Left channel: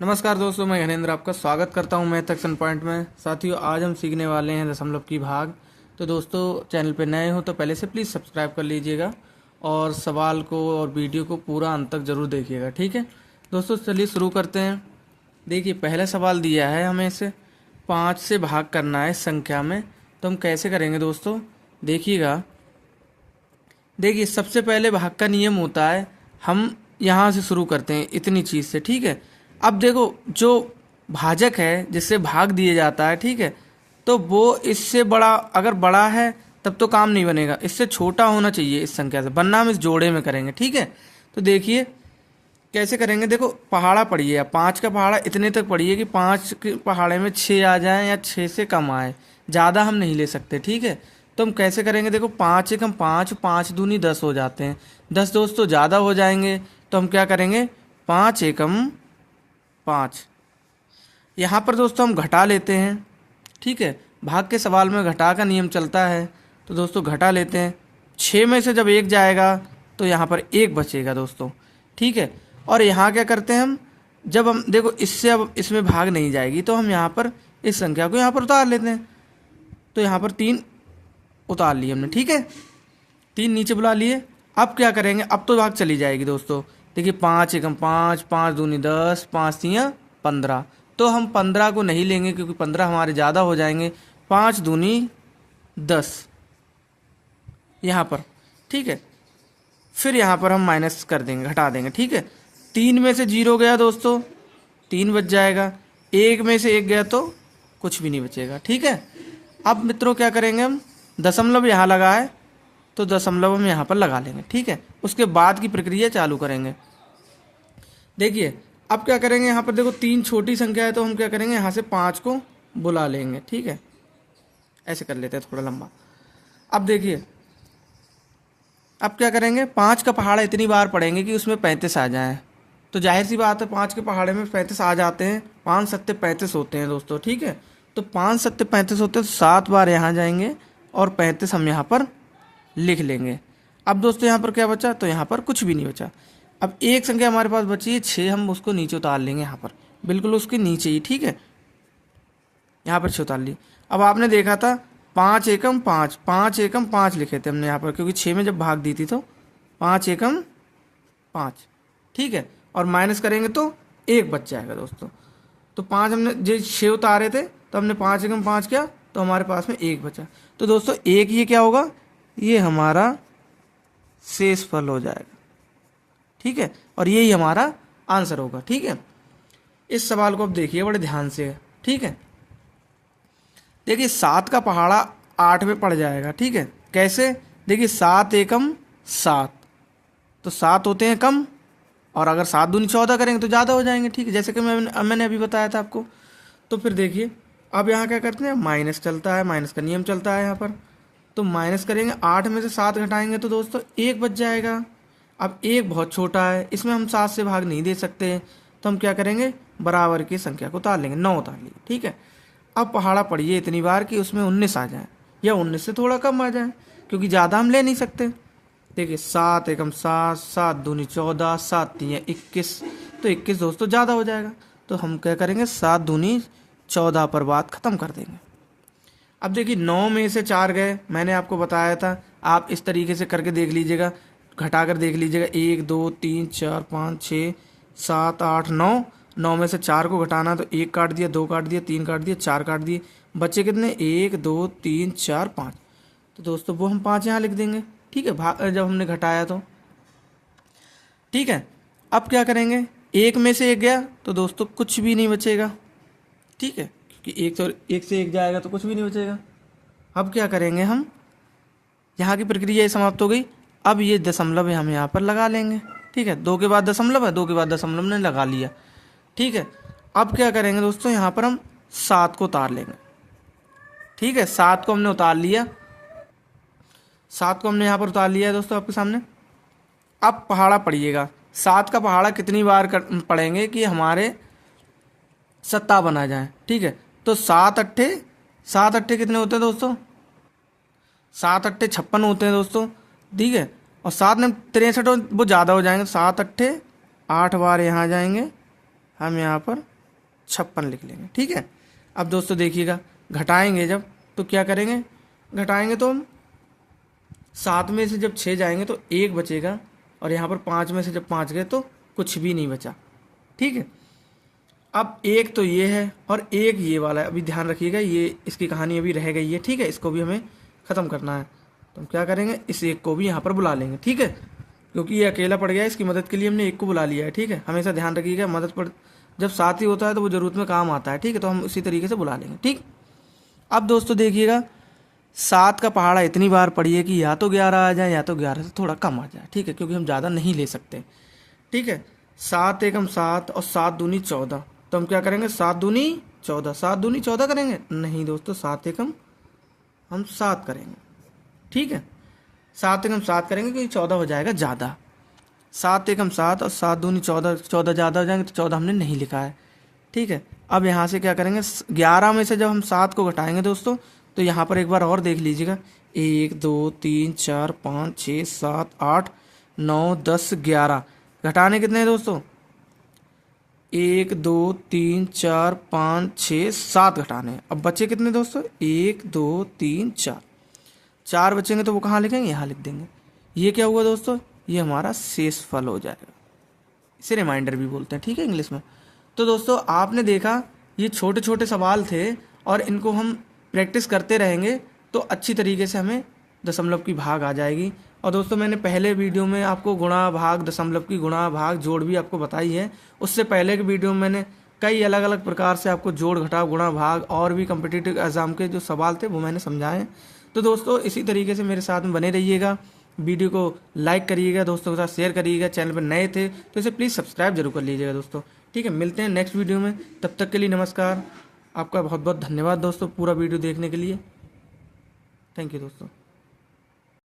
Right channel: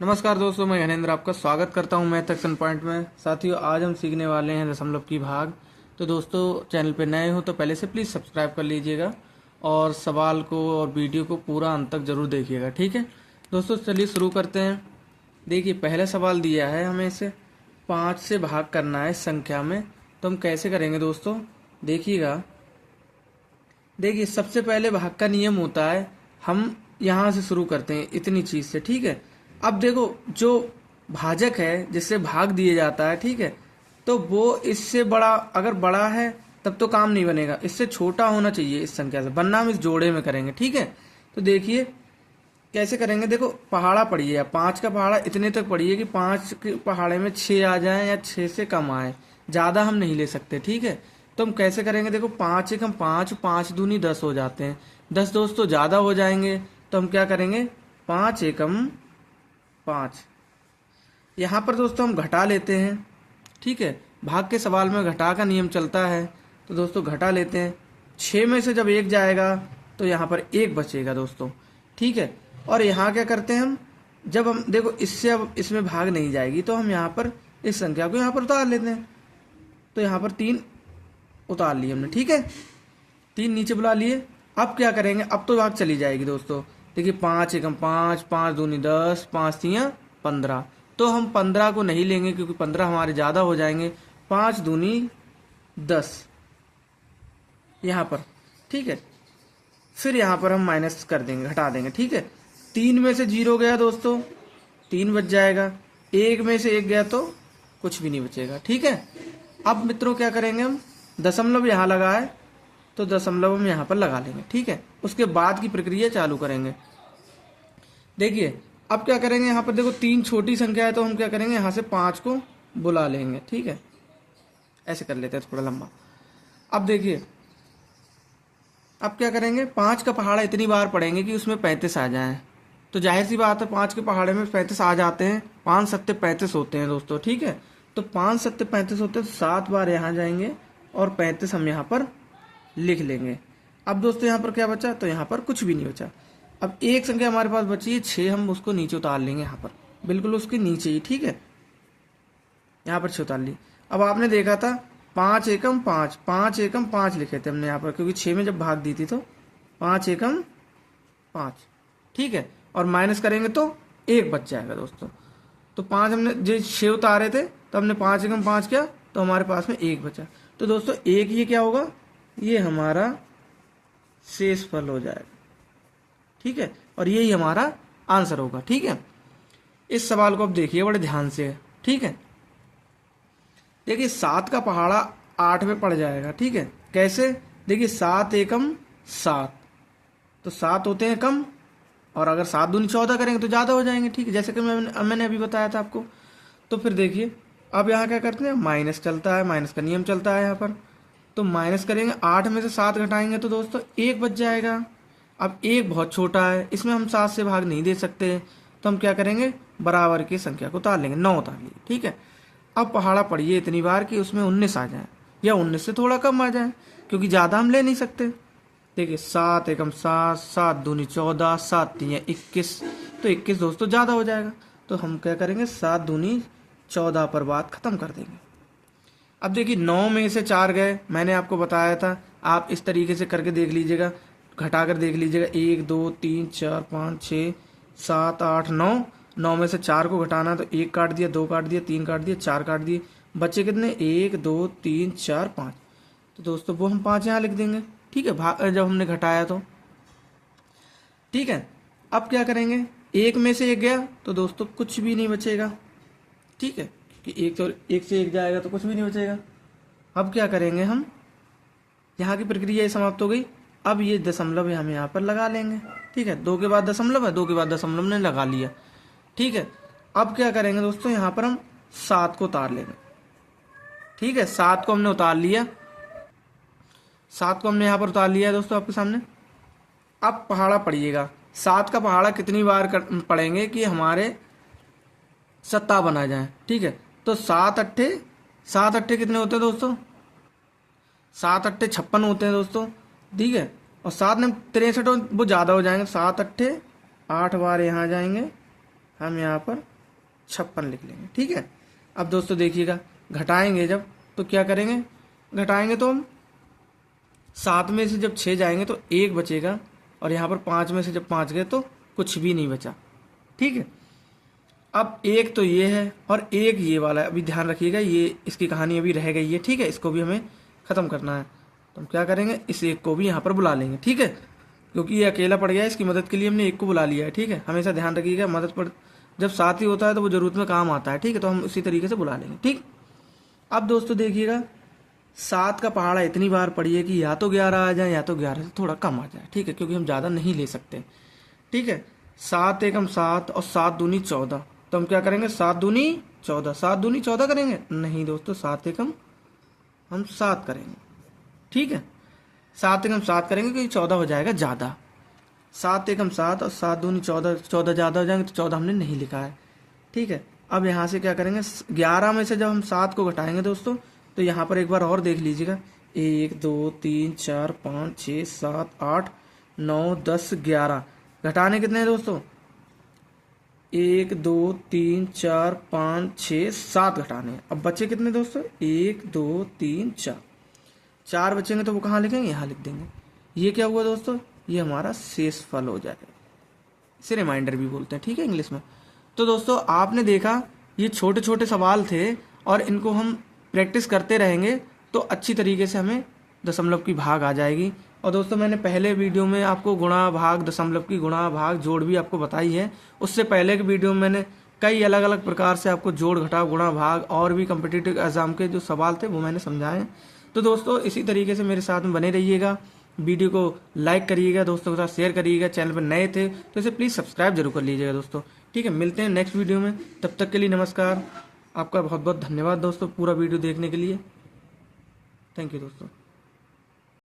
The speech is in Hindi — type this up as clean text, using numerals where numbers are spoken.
नमस्कार दोस्तों, मैं हनेंद्र आपका स्वागत करता हूं मैथ एक्शन पॉइंट में। साथियों, आज हम सीखने वाले हैं दशमलव की भाग। तो दोस्तों, चैनल पे नए हो तो पहले से प्लीज़ सब्सक्राइब कर लीजिएगा और सवाल को और वीडियो को पूरा अंत तक ज़रूर देखिएगा, ठीक है दोस्तों। चलिए शुरू करते हैं। देखिए, पहला सवाल दिया है हमें इसे 5 से भाग करना है इस संख्या में। तो हम कैसे करेंगे दोस्तों, देखिएगा। देखिए, सबसे पहले भाग का नियम होता है, हम यहाँ से शुरू करते हैं इतनी चीज़ से, ठीक है। अब देखो, जो भाजक है जिससे भाग दिया जाता है, ठीक है, तो वो इससे बड़ा, अगर बड़ा है तब तो काम नहीं बनेगा, इससे छोटा होना चाहिए इस संख्या से, वरना हम इस जोड़े में करेंगे, ठीक है। तो देखिए कैसे करेंगे। देखो, पहाड़ा पढ़िए, या 5 का पहाड़ा इतने तक पढ़िए कि 5 के पहाड़े में 6 आ जाए या 6 से कम आए, ज़्यादा हम नहीं ले सकते, ठीक है। तो हम कैसे करेंगे, देखो 5 एकम 5, 5 दूनी 10 हो जाते हैं। 10 दोस्तों ज़्यादा हो जाएंगे, तो हम क्या करेंगे, 5 एकम 5। यहाँ पर दोस्तों हम घटा लेते हैं, ठीक है। भाग के सवाल में घटा का नियम चलता है, तो दोस्तों घटा लेते हैं। 6 में से जब 1 जाएगा तो यहाँ पर 1 बचेगा दोस्तों, ठीक है। और यहाँ क्या करते हैं हम, जब हम देखो इससे अब इसमें भाग नहीं जाएगी, तो हम यहाँ पर इस संख्या को यहाँ पर उतार लेते हैं। तो यहाँ पर 3 उतार लिए हमने, ठीक है, 3 नीचे बुला लिए। अब क्या करेंगे, अब तो भाग चली जाएगी दोस्तों। देखिए, 5 एकम 5, 5 दूनी 10, 5 तियाँ 15। तो हम 15 को नहीं लेंगे क्योंकि 15 हमारे ज़्यादा हो जाएंगे। 5 दूनी 10 यहाँ पर, ठीक है। फिर यहाँ पर हम माइनस कर देंगे, घटा देंगे, ठीक है। 3 में से 0 गया दोस्तों, 3 बच जाएगा। 1 में से 1 गया तो कुछ भी नहीं बचेगा, ठीक है। अब मित्रों क्या करेंगे, हम दशमलव यहाँ लगा है तो दशमलव हम यहाँ पर लगा लेंगे, ठीक है। उसके बाद की प्रक्रिया चालू करेंगे। देखिए, अब क्या करेंगे, यहाँ पर देखो 3 छोटी संख्या है, तो हम क्या करेंगे, यहाँ से 5 को बुला लेंगे, ठीक है। ऐसे कर लेते हैं थोड़ा लंबा। अब देखिए, अब क्या करेंगे, 5 का पहाड़ा इतनी बार पढ़ेंगे कि उसमें 35 आ जाए। तो जाहिर सी बात है, 5 के पहाड़े में 35 आ जाते हैं। 5 सत्ते 35 होते हैं दोस्तों, ठीक है। तो 5 सत्ते 35 होते हैं, तो 7 बार यहाँ जाएंगे और 35 हम यहाँ पर लिख लेंगे। अब दोस्तों यहाँ पर क्या बचा, तो यहाँ पर कुछ भी नहीं बचा। अब एक संख्या हमारे पास बची है 6, हम उसको नीचे उतार लेंगे यहाँ पर, बिल्कुल उसके नीचे ही, ठीक है। यहाँ पर 6 उतार ली। अब आपने देखा था 5 एकम 5, 5 एकम 5 लिखे थे हमने यहाँ पर, क्योंकि 6 में जब भाग दी थी तो 5 एकम 5, ठीक है। और माइनस करेंगे तो 1 बच जाएगा दोस्तों। तो 5 हमने जो 6 उतारे थे, तो हमने 5 एकम 5 किया, तो हमारे पास में 1 बचा। तो दोस्तों 1 ये क्या होगा, ये हमारा शेष फल हो जाएगा, ठीक है। और यही हमारा आंसर होगा, ठीक है। इस सवाल को अब देखिए बड़े ध्यान से, ठीक है। देखिए, 7 का पहाड़ा 8 में पड़ जाएगा, ठीक है। कैसे, देखिए 7 एकम 7, तो 7 होते हैं कम, और अगर 7 दूनी 14 करेंगे तो ज़्यादा हो जाएंगे, ठीक है, जैसे कि मैंने अभी बताया था आपको। तो फिर देखिए, अब यहाँ क्या करते हैं, माइनस चलता है, माइनस का नियम चलता है यहाँ पर। तो माइनस करेंगे, 8 में से 7 घटाएंगे तो दोस्तों 1 बच जाएगा। अब 1 बहुत छोटा है, इसमें हम 7 से भाग नहीं दे सकते, तो हम क्या करेंगे, बराबर की संख्या को उतार लेंगे, 9 उतार लिए, ठीक है। अब पहाड़ा पढ़िए इतनी बार कि उसमें 19 आ जाए, या 19 से थोड़ा कम आ जाए, क्योंकि ज़्यादा हम ले नहीं सकते। देखिए, 7 एकम 7, 7 दूनी 14, 7 तियाँ 21, तो 21 दोस्तों ज़्यादा हो जाएगा। तो हम क्या करेंगे, 7 दूनी 14 पर बात ख़त्म कर देंगे। अब देखिए, 9 में से 4 गए, मैंने आपको बताया था, आप इस तरीके से करके देख लीजिएगा, घटा कर देख लीजिएगा। 1 2 3 4 5 6 7 8 9, 9 में से 4 को घटाना, तो 1 काट दिया, 2 काट दिया, 3 काट दिया, 4 काट दिए, बचे कितने, 1 2 3 4 5। तो दोस्तों वो हम 5 यहाँ लिख देंगे, ठीक है, जब हमने घटाया तो, ठीक है। अब क्या करेंगे, 1 में से 1 गया तो दोस्तों कुछ भी नहीं बचेगा, ठीक है, क्योंकि 1 से 1 जाएगा तो कुछ भी नहीं बचेगा। अब क्या करेंगे, हम यहाँ की प्रक्रिया समाप्त हो गई। अब ये दशमलव हम यहाँ पर लगा लेंगे, ठीक है। 2 के बाद दशमलव है, 2 के बाद दशमलव ने लगा लिया, ठीक है। अब क्या करेंगे दोस्तों, यहाँ पर हम 7 को उतार लेंगे, ठीक है। 7 को हमने उतार लिया, 7 को हमने यहाँ पर उतार लिया दोस्तों आपके सामने। अब पहाड़ा पढ़िएगा, 7 का पहाड़ा कितनी बार पढ़ेंगे कि हमारे 57 आ जाए, ठीक है। तो 7 अट्ठे कितने होते हैं दोस्तों, 7 अट्ठे 56 होते हैं दोस्तों, ठीक है। और 7 में 63 वो ज़्यादा हो जाएंगे, 7 अट्ठे 8 बार यहाँ जाएंगे, हम यहाँ पर 56 लिख लेंगे। ठीक है। अब दोस्तों देखिएगा, घटाएंगे जब तो क्या करेंगे, घटाएंगे तो हम 7 में से जब 6 जाएंगे तो 1 बचेगा, और यहाँ पर 5 में से जब 5 गए तो कुछ भी नहीं बचा। ठीक है। अब एक तो ये है और एक ये वाला है। अभी ध्यान रखिएगा, ये इसकी कहानी अभी रह गई है। ठीक है। इसको भी हमें ख़त्म करना है, तो हम क्या करेंगे, इस एक को भी यहाँ पर बुला लेंगे। ठीक है। क्योंकि ये अकेला पड़ गया है, इसकी मदद के लिए हमने एक को बुला लिया है। ठीक है। हमेशा ध्यान रखिएगा, मदद पड़ जब साथ ही होता है तो वो ज़रूरत में काम आता है। ठीक है। तो हम उसी तरीके से बुला लेंगे। ठीक। अब दोस्तों देखिएगा, 7 का पहाड़ा इतनी बार पढ़िए कि या तो 11 आ जाए या तो 11 से थोड़ा कम आ जाए। ठीक है। क्योंकि हम ज़्यादा नहीं ले सकते। ठीक है। 7 एकम 7 और 7 दूनी 14, तो हम क्या करेंगे, 7 दूनी 14, 7 दूनी 14 करेंगे, नहीं दोस्तों, 7 एकम हम 7 करेंगे। ठीक है। 7 एकम 7 करेंगे क्योंकि 14 हो जाएगा ज़्यादा। 7 एकम 7 और 7 दूनी 14, 14 ज़्यादा हो जाएंगे तो 14 हमने नहीं लिखा है। ठीक है। अब यहाँ से क्या करेंगे, 11 में से जब हम 7 को घटाएंगे दोस्तों, तो यहाँ पर एक बार और देख लीजिएगा, 1 2 3 4 5 6 7 8 9 10 11, घटाने कितने हैं दोस्तों, 1 2 3 4 5 6 7 घटाने हैं। अब बचे कितने दोस्तों, 1 2 3 4, 4 बचेंगे तो वो कहाँ लिखेंगे, यहाँ लिख देंगे। ये क्या हुआ दोस्तों, ये हमारा शेष फल हो जाएगा। इसे रिमाइंडर भी बोलते हैं। ठीक है, इंग्लिश में। तो दोस्तों आपने देखा, ये छोटे छोटे सवाल थे और इनको हम प्रैक्टिस करते रहेंगे तो अच्छी तरीके से हमें दशमलव की भाग आ जाएगी। और दोस्तों मैंने पहले वीडियो में आपको गुणा भाग, दशमलव की गुणा भाग, जोड़ भी आपको बताई है। उससे पहले के वीडियो में मैंने कई अलग अलग प्रकार से आपको जोड़, घटाव, गुणा, भाग और भी कम्पिटिटिव एग्जाम के जो सवाल थे वो मैंने समझाए। तो दोस्तों इसी तरीके से मेरे साथ में बने रहिएगा। वीडियो को लाइक करिएगा, दोस्तों के साथ शेयर करिएगा। चैनल पर नए थे तो इसे प्लीज़ सब्सक्राइब जरूर कर लीजिएगा दोस्तों। ठीक है, मिलते हैं नेक्स्ट वीडियो में। तब तक के लिए नमस्कार। आपका बहुत बहुत धन्यवाद दोस्तों पूरा वीडियो देखने के लिए। थैंक यू दोस्तों।